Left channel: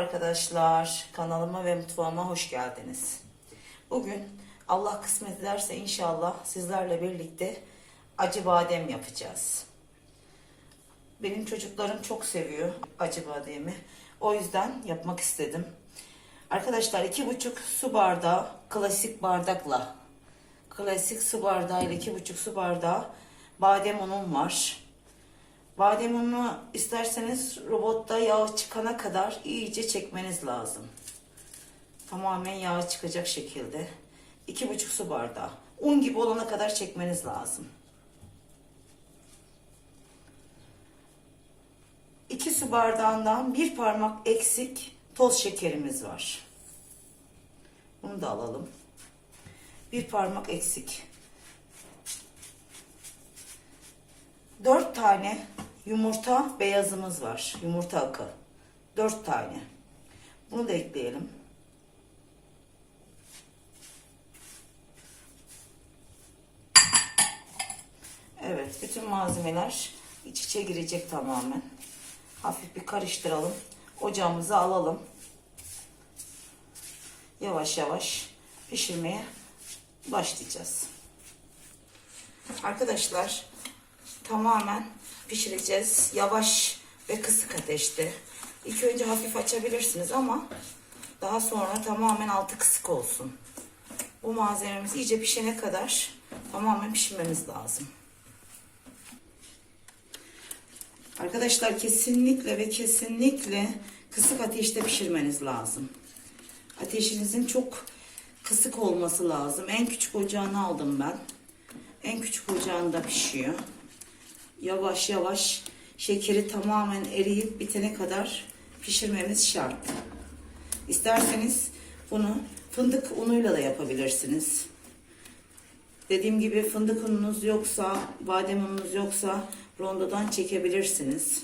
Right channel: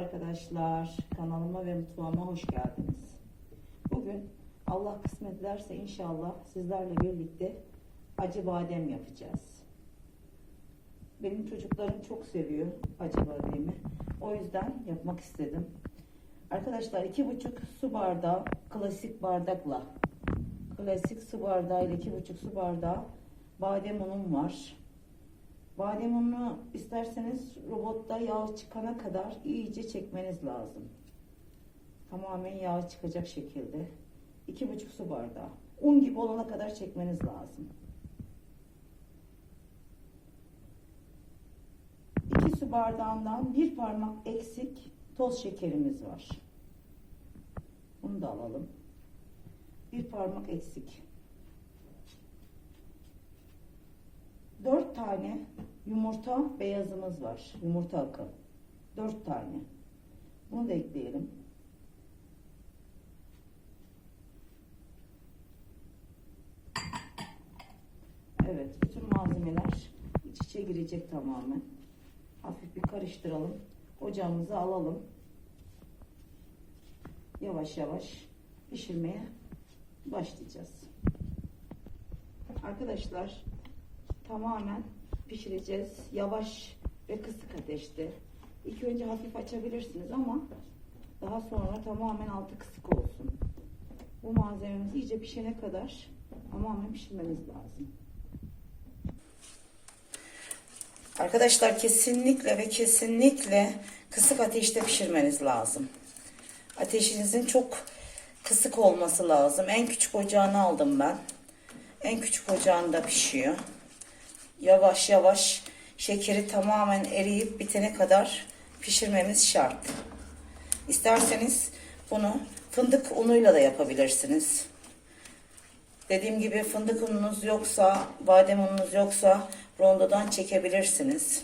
arkadaşlar. Kanalıma ve mutfağıma hoş geldiniz. Bugün Allah kısmet ederse inşallah sizlerle birlikte acı badem yapacağız. Benim çocuklarım çok seviyor acı bademi. O yüzden yapmak istedim. Arkadaşlar iki buçuk su bardağı klasik bardakla klasik su bardağı ile iki buçuk su bardağı badem unum var. Badem ununu isterseniz robotta yağ çıkana kadar iyice çekmeniz lazım. Tamamen yağ çıkacak şekilde. iki buçuk su bardağı. Un gibi olana kadar çekmeniz lazım. 2 su bardağından bir parmak eksik toz şekerimiz var. Bunu da alalım. Bir parmak eksik. 4 tane yumurta beyazımız var. Yumurta akı. 4 tane. Bunu da ekleyelim. Evet, bütün malzemeler iç içe girecek tamamen. Hafif bir karıştıralım. Ocağımıza alalım. Yavaş yavaş pişirmeye başlayacağız. Arkadaşlar tamamen pişireceğiz. Yavaş ve kısık ateşte. İlk önce hafif açabilirsiniz ama daha sonra tamamen altı kısık olsun. Bu malzememiz iyice pişene kadar tamamen pişirmemiz lazım. Arkadaşlar kesinlikle ve kesinlikle kısık ateşte pişirmeniz lazım. Ateşinizin çok kısık olması lazım. En küçük ocağını aldım ben. En küçük ocağında pişiyor. Yavaş yavaş şekeri tamamen eriyip bitene kadar pişirmemiz şart. İsterseniz bunu fındık unuyla da yapabilirsiniz. Dediğim gibi fındık ununuz yoksa, badem ununuz yoksa rondodan çekebilirsiniz.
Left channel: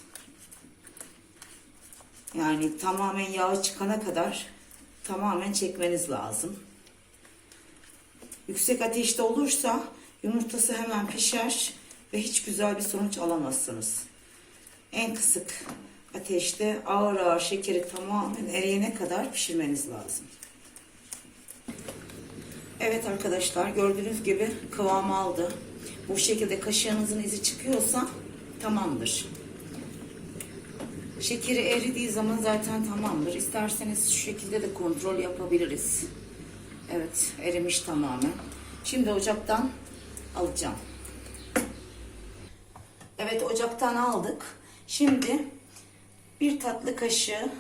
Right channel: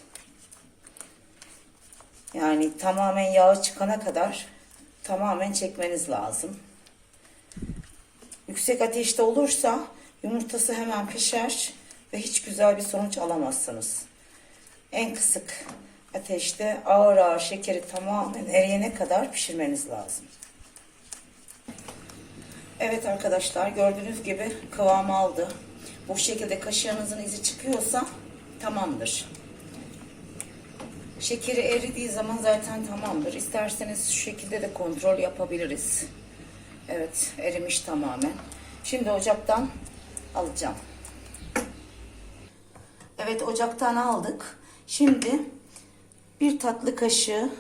Yani tamamen yağı çıkana kadar tamamen çekmeniz lazım. Yüksek ateşte olursa yumurtası hemen pişer ve hiç güzel bir sonuç alamazsınız. En kısık ateşte ağır ağır şekeri tamamen eriyene kadar pişirmeniz lazım. Evet arkadaşlar gördüğünüz gibi kıvam aldı. Bu şekilde kaşığınızın izi çıkıyorsa tamamdır. Şekeri eridiği zaman zaten tamamdır. İsterseniz şu şekilde de kontrol yapabiliriz. Evet erimiş tamamen. Şimdi ocaktan alacağım. Evet ocaktan aldık. Şimdi bir tatlı kaşığı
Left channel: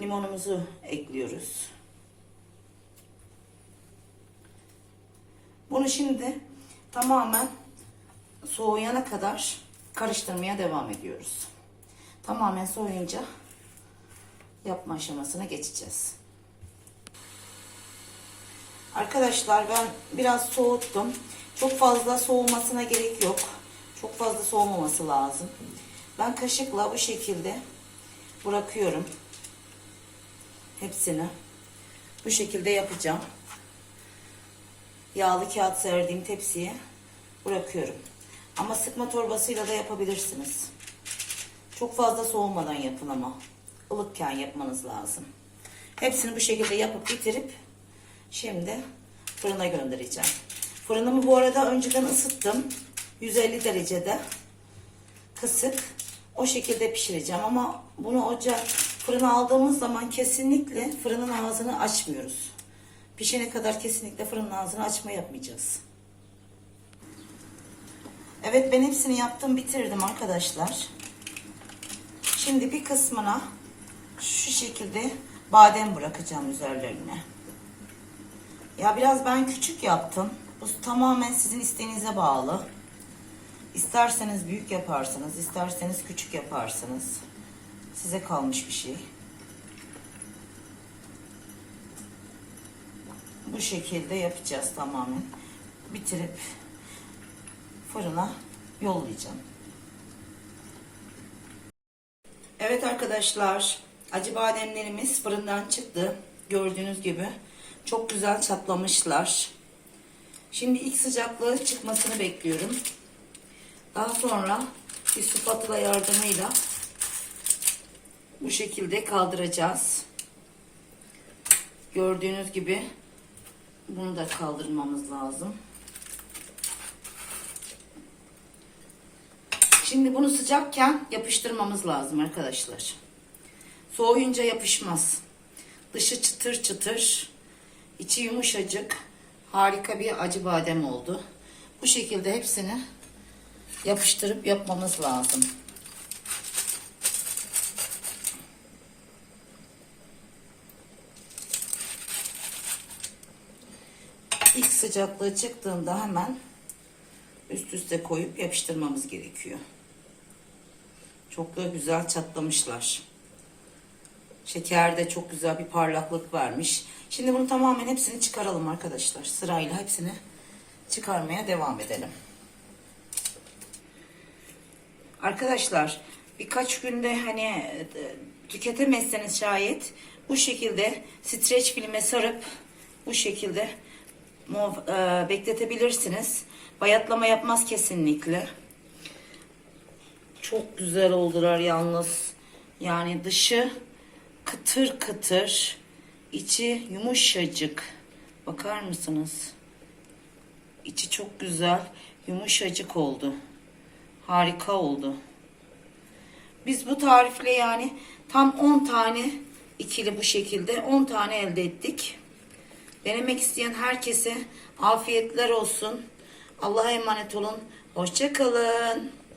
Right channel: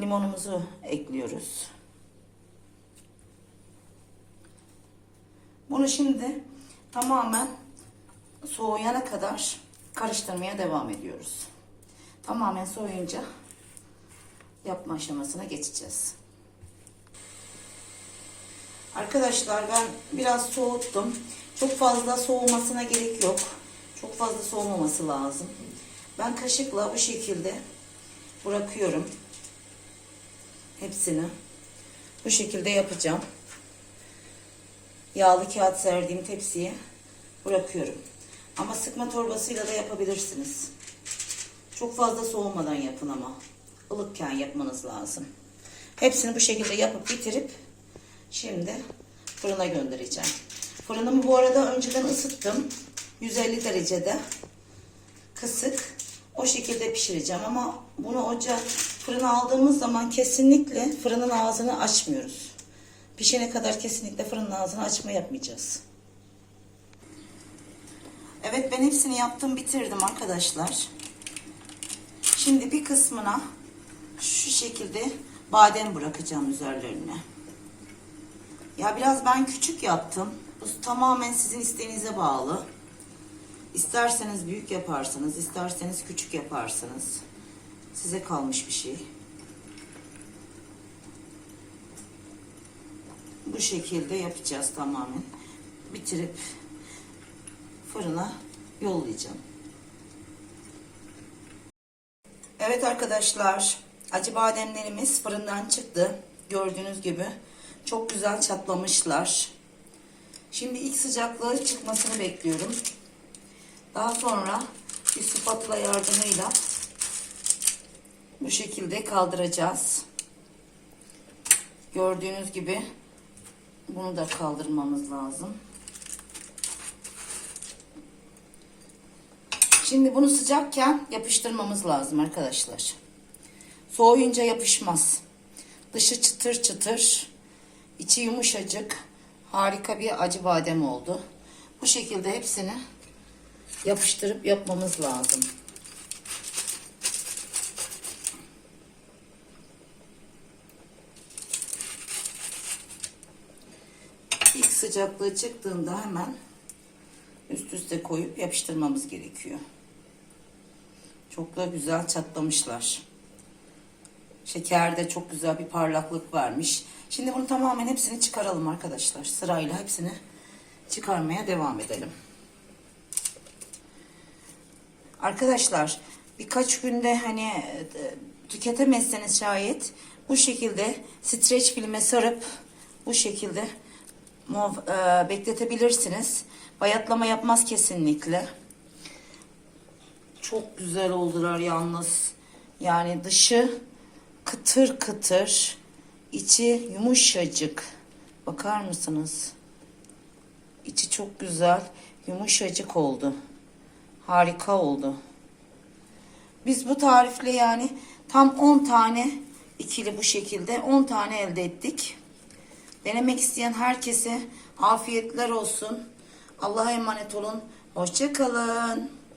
limonumuzu ekliyoruz. Bunu şimdi tamamen soğuyana kadar karıştırmaya devam ediyoruz. Tamamen soğuyunca yapma aşamasına geçeceğiz. Arkadaşlar ben biraz soğuttum. Çok fazla soğumasına gerek yok. Çok fazla soğumaması lazım. Ben kaşıkla bu şekilde bırakıyorum. Hepsini. Bu şekilde yapacağım. Yağlı kağıt serdiğim tepsiye bırakıyorum. Ama sıkma torbasıyla da yapabilirsiniz. Çok fazla soğumadan yapın ama. ılıkken yapmanız lazım. Hepsini bu şekilde yapıp bitirip şimdi fırına göndereceğim. Fırınımı bu arada önceden ısıttım. 150 derecede kısık. O şekilde pişireceğim ama bunu ocağa fırına aldığımız zaman kesinlikle fırının ağzını açmıyoruz. Pişene kadar kesinlikle fırının ağzını açma yapmayacağız. Evet ben hepsini yaptım bitirdim arkadaşlar. Şimdi bir kısmına şu şekilde badem bırakacağım üzerlerine. Ya biraz ben küçük yaptım. Bu tamamen sizin isteğinize bağlı. İsterseniz büyük yaparsınız, isterseniz küçük yaparsınız. Size kalmış bir şey. Bu şekilde yapacağız tamamen. Bitirip fırına yollayacağım. Evet arkadaşlar, acı bademlerimiz fırından çıktı. Gördüğünüz gibi çok güzel çatlamışlar. Şimdi ilk sıcaklığı çıkmasını bekliyorum. Daha sonra bir spatula yardımıyla Bu şekilde kaldıracağız. Gördüğünüz gibi bunu da kaldırmamız lazım. Şimdi bunu sıcakken yapıştırmamız lazım arkadaşlar. Soğuyunca yapışmaz. Dışı çıtır çıtır, içi yumuşacık. Harika bir acı badem oldu. Bu şekilde hepsini yapıştırıp yapmamız lazım. İlk sıcaklığı çıktığında hemen üst üste koyup yapıştırmamız gerekiyor. Çok da güzel çatlamışlar. Şekerde çok güzel bir parlaklık vermiş. Şimdi bunu tamamen hepsini çıkaralım arkadaşlar. Sırayla hepsini çıkarmaya devam edelim. Arkadaşlar birkaç günde hani e, tüketemezseniz şayet bu şekilde streç filme sarıp bu şekilde muhaf- e, bekletebilirsiniz. Bayatlama yapmaz kesinlikle. Çok güzel oldular yalnız. Yani dışı kıtır kıtır, içi yumuşacık. Bakar mısınız? İçi çok güzel, yumuşacık oldu. Harika oldu. Biz bu tarifle yani tam 10 tane ikili bu şekilde 10 tane elde ettik. Denemek isteyen herkese afiyetler olsun. Allah'a emanet olun. Hoşça kalın.